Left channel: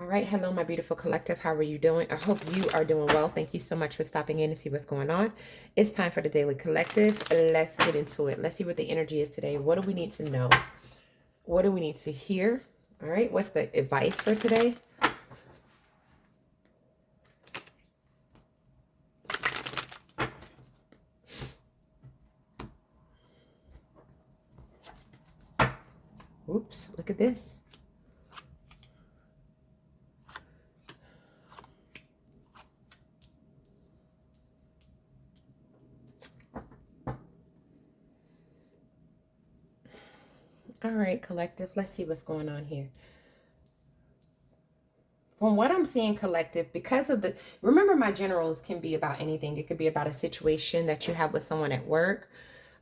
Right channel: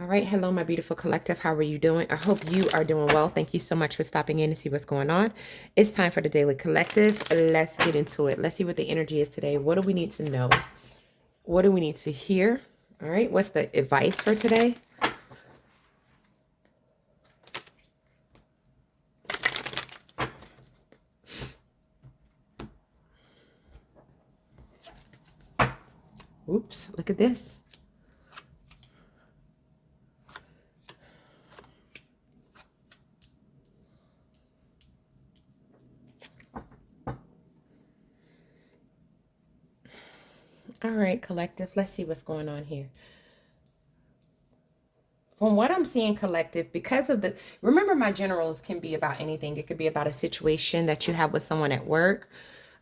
All right. Hello, my beautiful collective. How are you doing? I hope you are doing well. Thank you so much for stopping in to see what's going on. It's time for the Daily Collective. Let's get into it. Let's see what the energy is today. What do we need to know? What do we need to hear? All right. What's the advice for today? Oops. Look at this. All right, collective. Let's see what's going on here. From what I'm seeing, collective, because of the, remember, my generals can be about anything. It could be about a situation that you have with someone at work,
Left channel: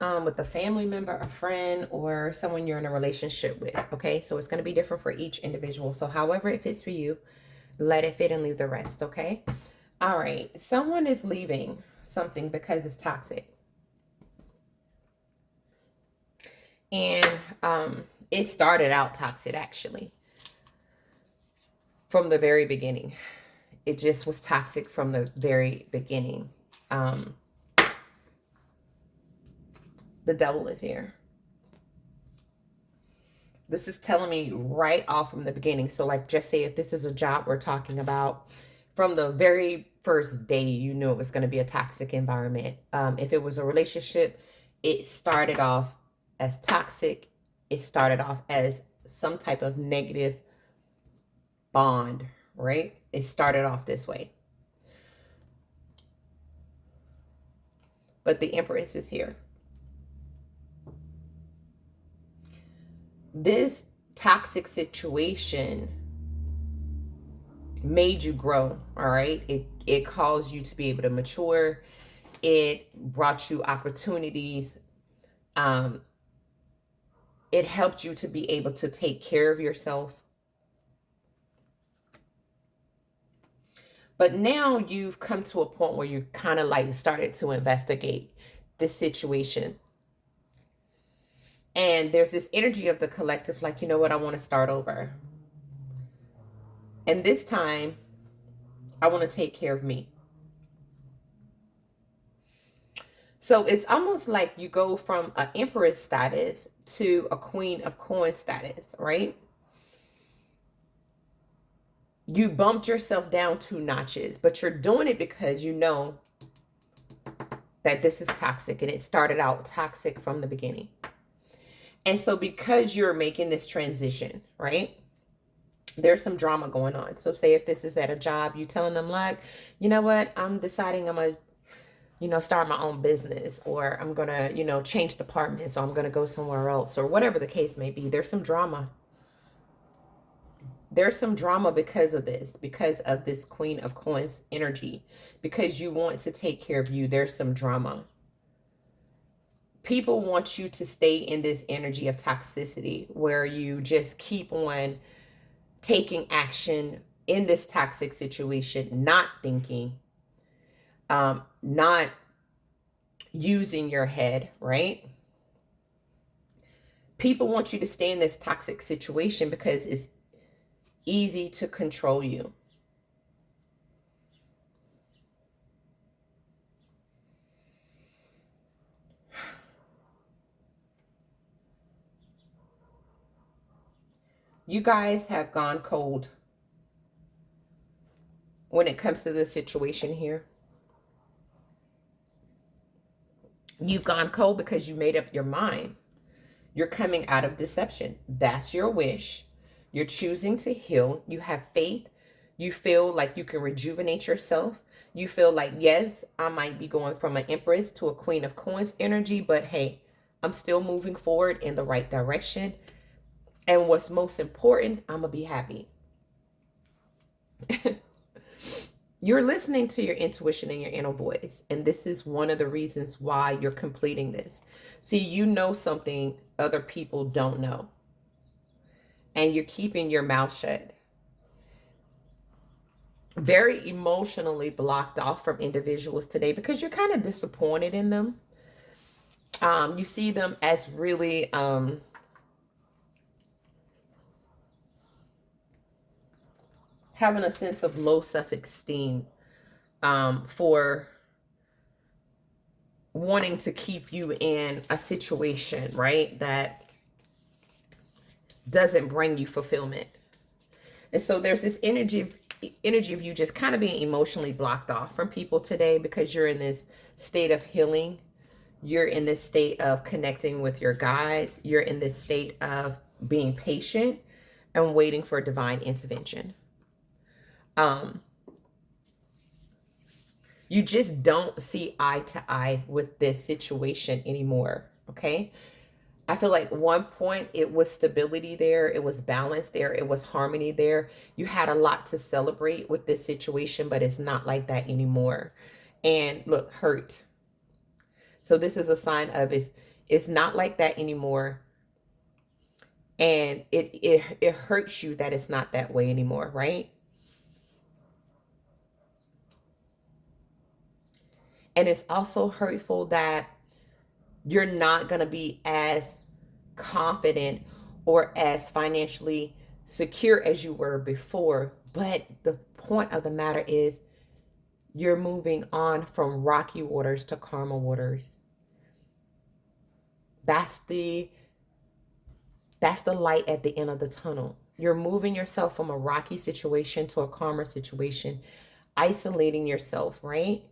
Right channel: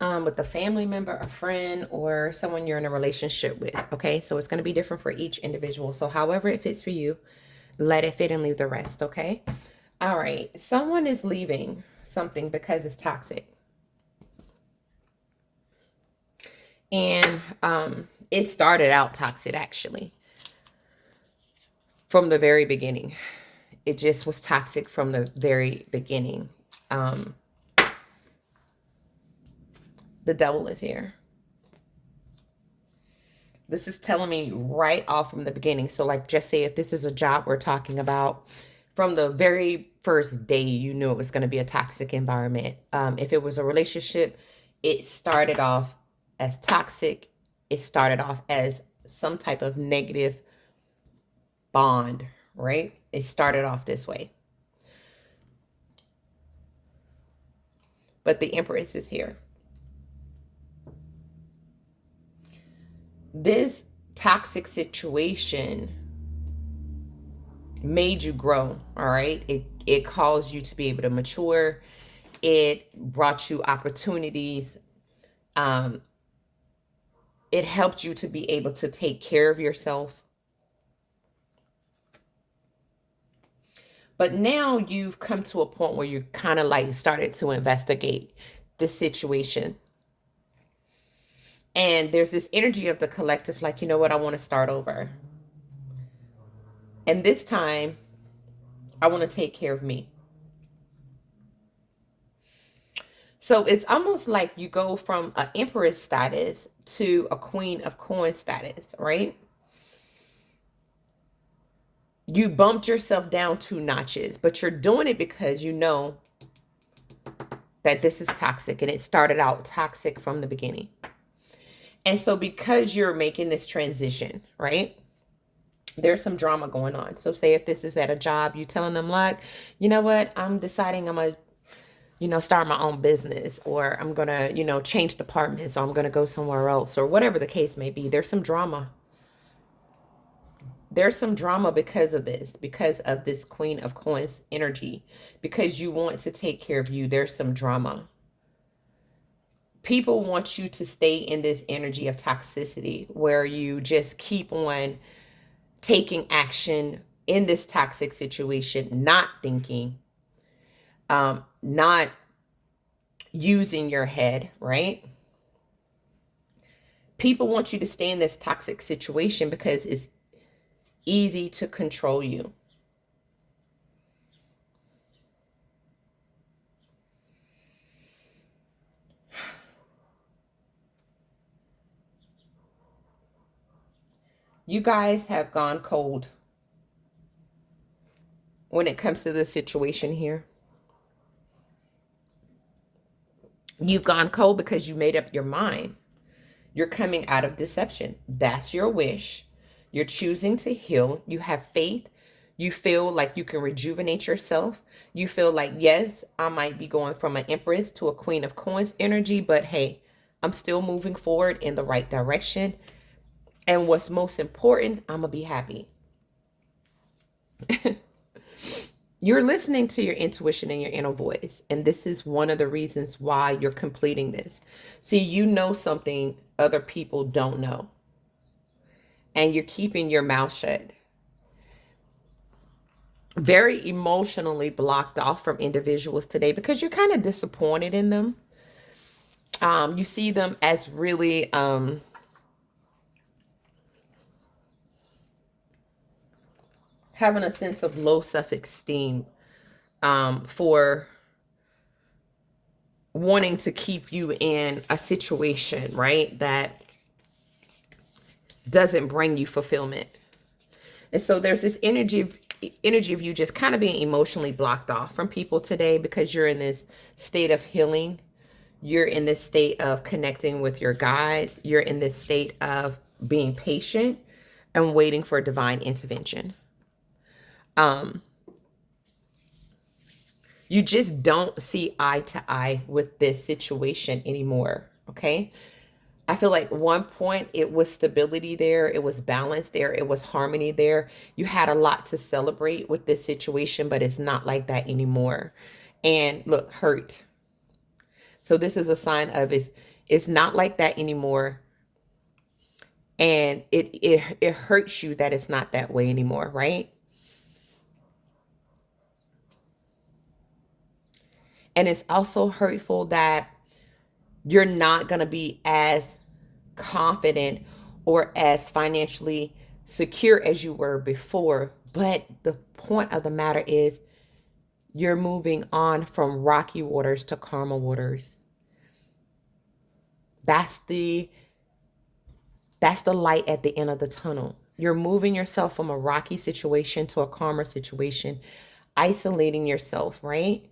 with a family member, a friend, or someone you're in a relationship with. Okay, so it's going to be different for each individual. So however it fits for you, let it fit and leave the rest. Okay. All right. Someone is leaving something because it's toxic. And it started out toxic, actually, from the very beginning. It just was toxic from the very beginning. The devil is here. This is telling me right off from the beginning. So like, just say if this is a job we're talking about, from the very first day, you knew it was going to be a toxic environment. If it was a relationship, it started off as toxic. It started off as some type of negative bond, right? It started off this way. But the Empress is here. This toxic situation made you grow, all right? It caused you to be able to mature. It brought you opportunities. It helped you to be able to take care of yourself. But now you've come to a point where you kind of like started to investigate this situation. And there's this energy of the collective, like, you know what, I want to start over. And this time, I want to take care of me. So it's almost like you go from an empress status to a queen of coins status, right? You bumped yourself down 2 notches, but you're doing it because you know that this is toxic and it started out toxic from the beginning. And so because you're making this transition, right? There's some drama going on. So say if this is at a job, you telling them like, you know what, I'm deciding I'm going to, start my own business, or I'm going to, change departments, or I'm going to go somewhere else, or whatever the case may be. There's some drama. There's some drama because of this Queen of Coins energy, because you want to take care of you. There's some drama. People want you to stay in this energy of toxicity where you just keep on taking action in this toxic situation, not thinking, not using your head, right? People want you to stay in this toxic situation because it's easy to control you. You guys have gone cold when it comes to this situation here. You've gone cold because you made up your mind. You're coming out of deception. That's your wish. You're choosing to heal. You have faith. You feel like you can rejuvenate yourself. You feel like, yes, I might be going from an Empress to a Queen of Coins energy, but hey, I'm still moving forward in the right direction. And what's most important, I'm going to be happy. You're listening to your intuition and your inner voice. And this is one of the reasons why you're completing this. See, you know something other people don't know. And you're keeping your mouth shut. Very emotionally blocked off from individuals today because you're kind of disappointed in them. You see them as really having a sense of low self-esteem for wanting to keep you in a situation, right, that doesn't bring you fulfillment. And so there's this energy of you just kind of being emotionally blocked off from people today because you're in this state of healing. You're in this state of connecting with your guides. You're in this state of being patient and waiting for divine intervention. You just don't see eye to eye with this situation anymore, okay? I feel like one point it was stability there, it was balance there, it was harmony there. You had a lot to celebrate with this situation, but it's not like that anymore. And look, hurt. So this is a sign of it's not like that anymore. And it hurts you that it's not that way anymore, right? And it's also hurtful that you're not going to be as confident or as financially secure as you were before. But the point of the matter is you're moving on from rocky waters to calmer waters. That's the light at the end of the tunnel. You're moving yourself from a rocky situation to a calmer situation, isolating yourself, right,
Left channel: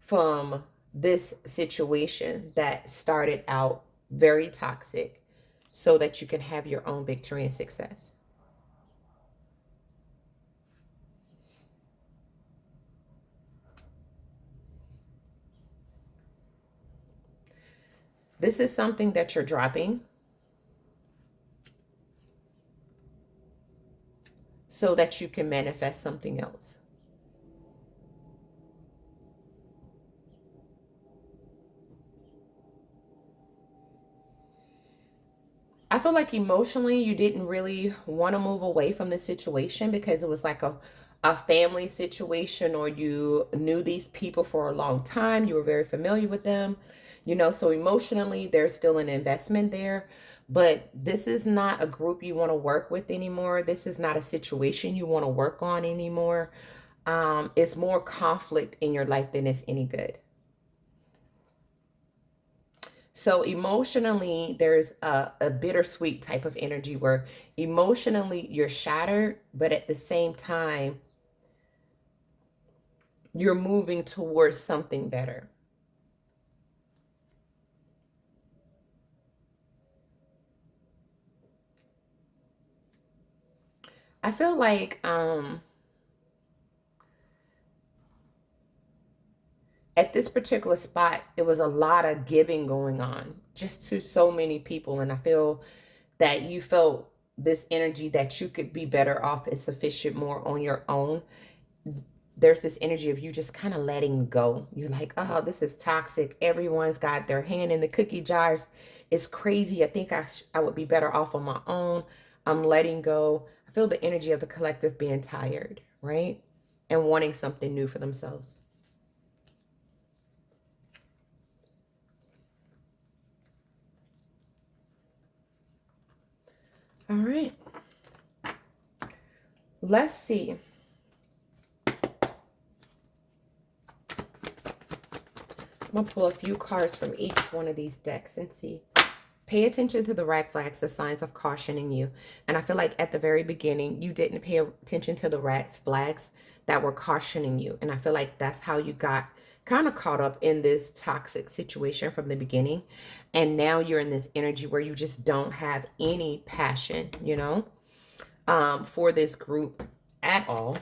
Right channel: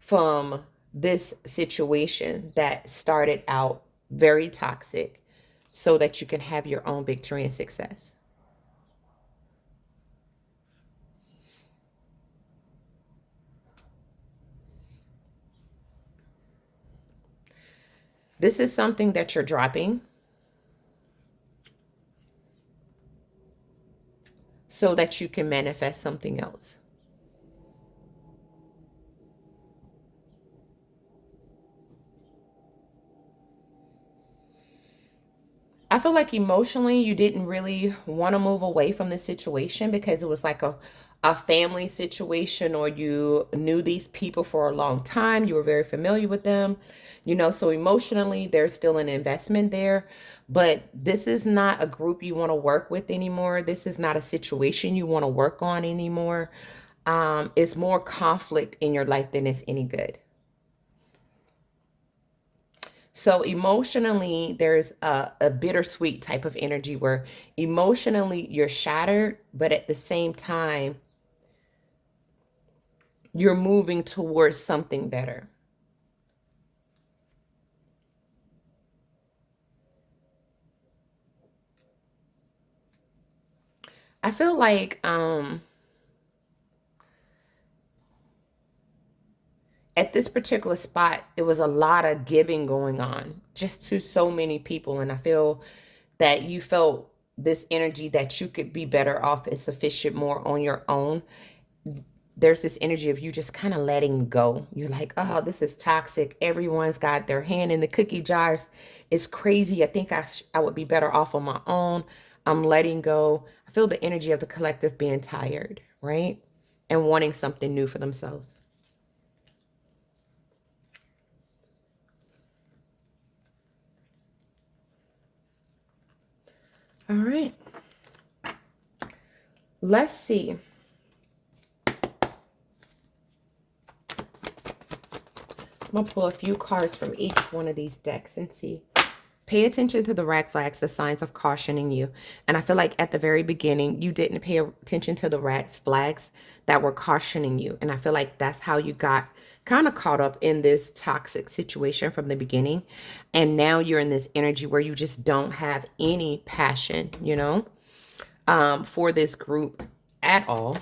from this situation that started out very toxic so that you can have your own victory and success. This is something that you're dropping so that you can manifest something else. I feel like emotionally you didn't really want to move away from the situation because it was like a family situation, or you knew these people for a long time. You were very familiar with them, you know, so emotionally there's still an investment there. But this is not a group you want to work with anymore. This is not a situation you want to work on anymore. It's more conflict in your life than it's any good. So emotionally, there's a bittersweet type of energy where emotionally you're shattered, but at the same time, you're moving towards something better. I feel like at this particular spot, it was a lot of giving going on just to so many people. And I feel that you felt this energy that you could be better off and sufficient more on your own. There's this energy of you just kind of letting go. You're like, oh, this is toxic. Everyone's got their hand in the cookie jars. It's crazy. I think I would be better off on my own. I'm letting go. I feel the energy of the collective being tired, right? And wanting something new for themselves. All right. Let's see. I'm going to pull a few cards from each one of these decks and see. Pay attention to the red flags, the signs of cautioning you. And I feel like at the very beginning, you didn't pay attention to the red flags that were cautioning you. And I feel like that's how you got kind of caught up in this toxic situation from the beginning. And now you're in this energy where you just don't have any passion, you know, for this group at all.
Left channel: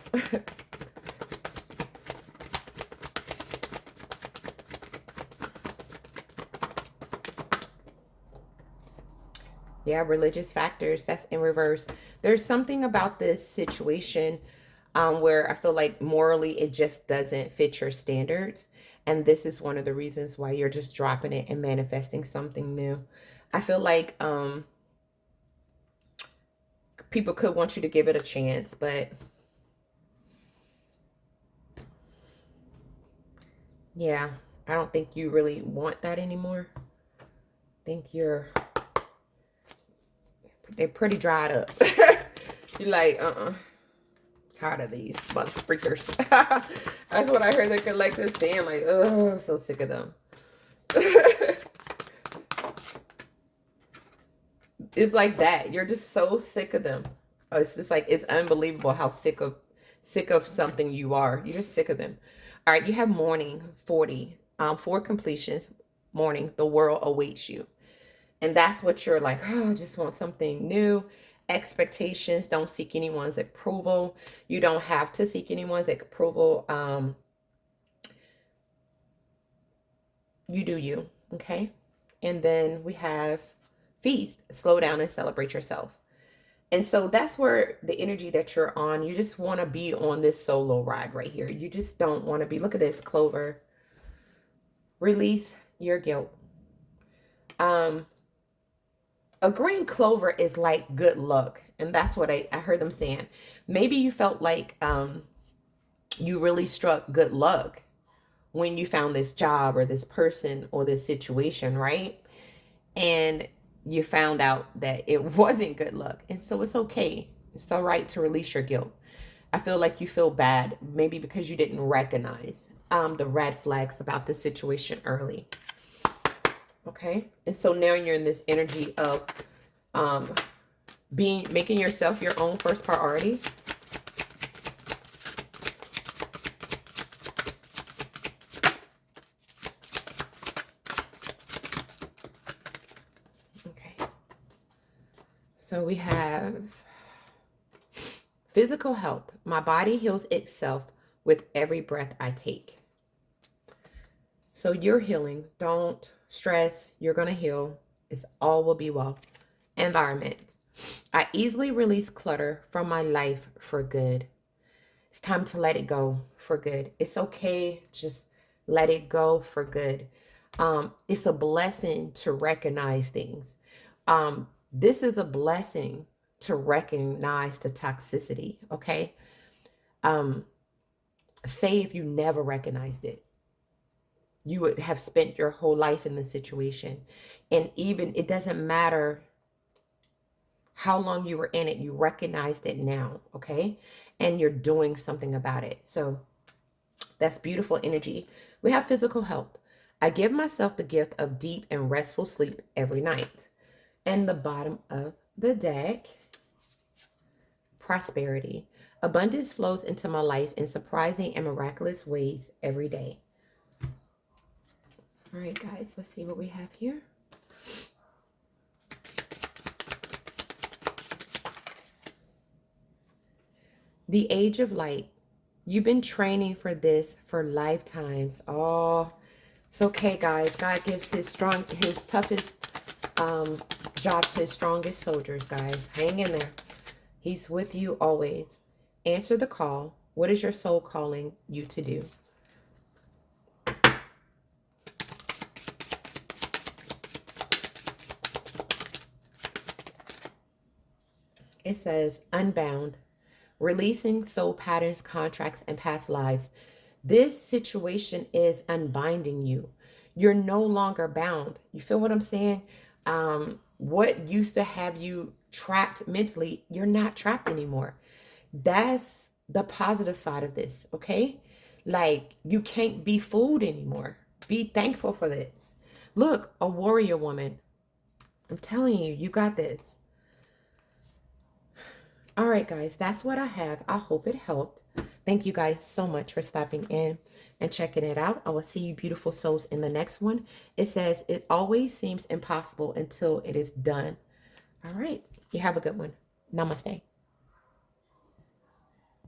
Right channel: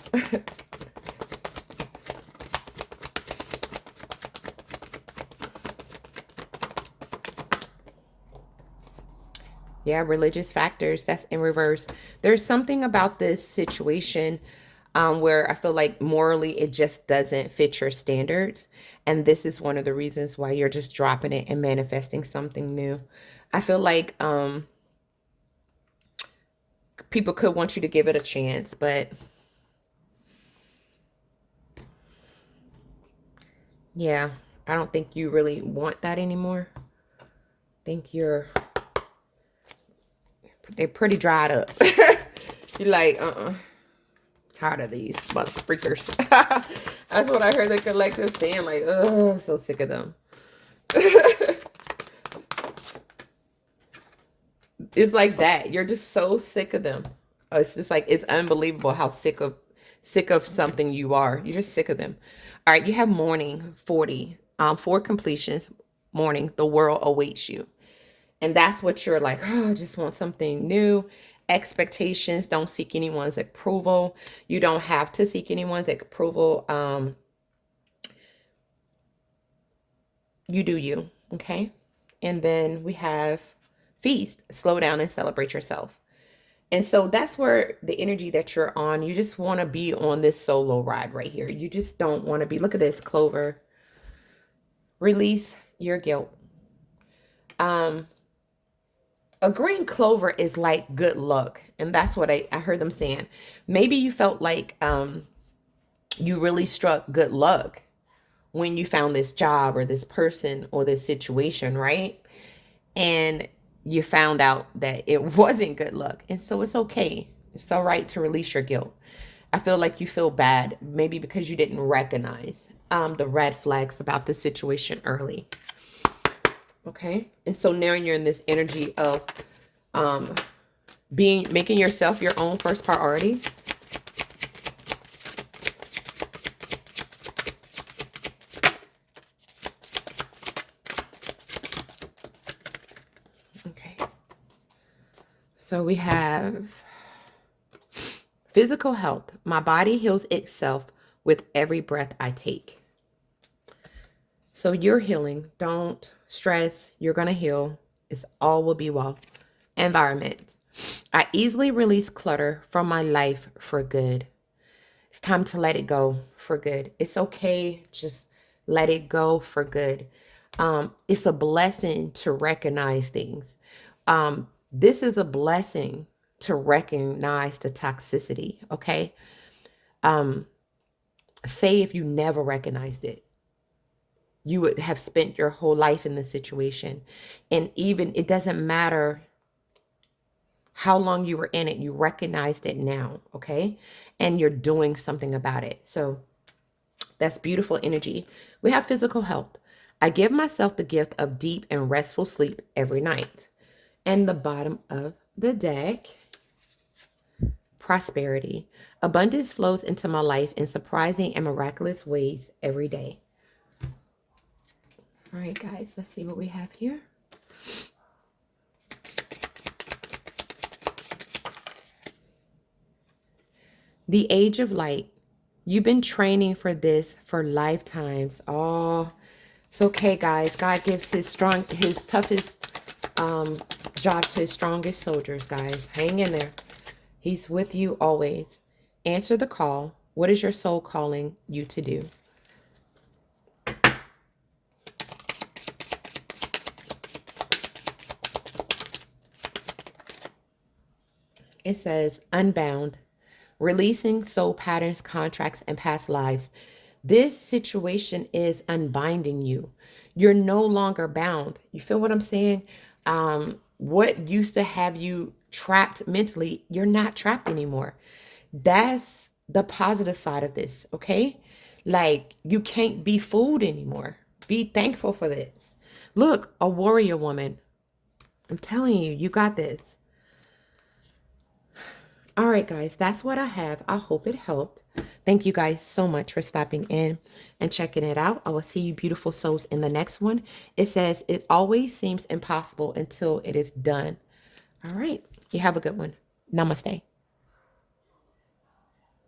Yeah, religious factors, that's in reverse. There's something about this situation where I feel like morally it just doesn't fit your standards. And this is one of the reasons why you're just dropping it and manifesting something new. I feel like people could want you to give it a chance, but yeah, I don't think you really want that anymore. I think they're pretty dried up. You're like, Tired of these month freakers. That's what I heard the collective saying. Like, oh, I'm so sick of them. It's like that. You're just so sick of them. It's just like, it's unbelievable how sick of something you are. You're just sick of them. All right, you have mourning 40. For completions, mourning, the world awaits you. And that's what you're like, oh, I just want something new. Expectations, don't seek anyone's approval. You don't have to seek anyone's approval. You do you, okay? And then we have feast, slow down and celebrate yourself. And so that's where the energy that you're on, you just want to be on this solo ride right here. You just don't want to be, look at this, Clover. Release your guilt. A green clover is like good luck. And that's what I heard them saying. Maybe you felt like you really struck good luck when you found this job or this person or this situation, right? And you found out that it wasn't good luck. And so it's okay. It's all right to release your guilt. I feel like you feel bad, maybe because you didn't recognize the red flags about the situation early. Okay. And so now you're in this energy of making yourself your own first priority. Okay. So we have physical health. My body heals itself with every breath I take. So you're healing. Don't stress. You're going to heal. It's all will be well. Environment. I easily release clutter from my life for good. It's time to let it go for good. It's okay. Just let it go for good. It's a blessing to recognize things. This is a blessing to recognize the toxicity. Okay. Say if you never recognized it, you would have spent your whole life in this situation. And even it doesn't matter how long you were in it, you recognized it now, okay? And you're doing something about it. So that's beautiful energy. We have physical health. I give myself the gift of deep and restful sleep every night. And the bottom of the deck, prosperity. Abundance flows into my life in surprising and miraculous ways every day. All right, guys, let's see what we have here. The age of light. You've been training for this for lifetimes. Oh, it's okay, guys. God gives his toughest jobs to his strongest soldiers, guys. Hang in there. He's with you always. Answer the call. What is your soul calling you to do? It says, unbound, releasing soul patterns, contracts, and past lives. This situation is unbinding you. You're no longer bound. You feel what I'm saying? What used to have you trapped mentally, you're not trapped anymore. That's the positive side of this, okay? Like, you can't be fooled anymore. Be thankful for this. Look, a warrior woman. I'm telling you, you got this. All right, guys, that's what I have. I hope it helped. Thank you guys so much for stopping in and checking it out. I will see you beautiful souls in the next one. It says, it always seems impossible until it is done. All right, you have a good one. Namaste.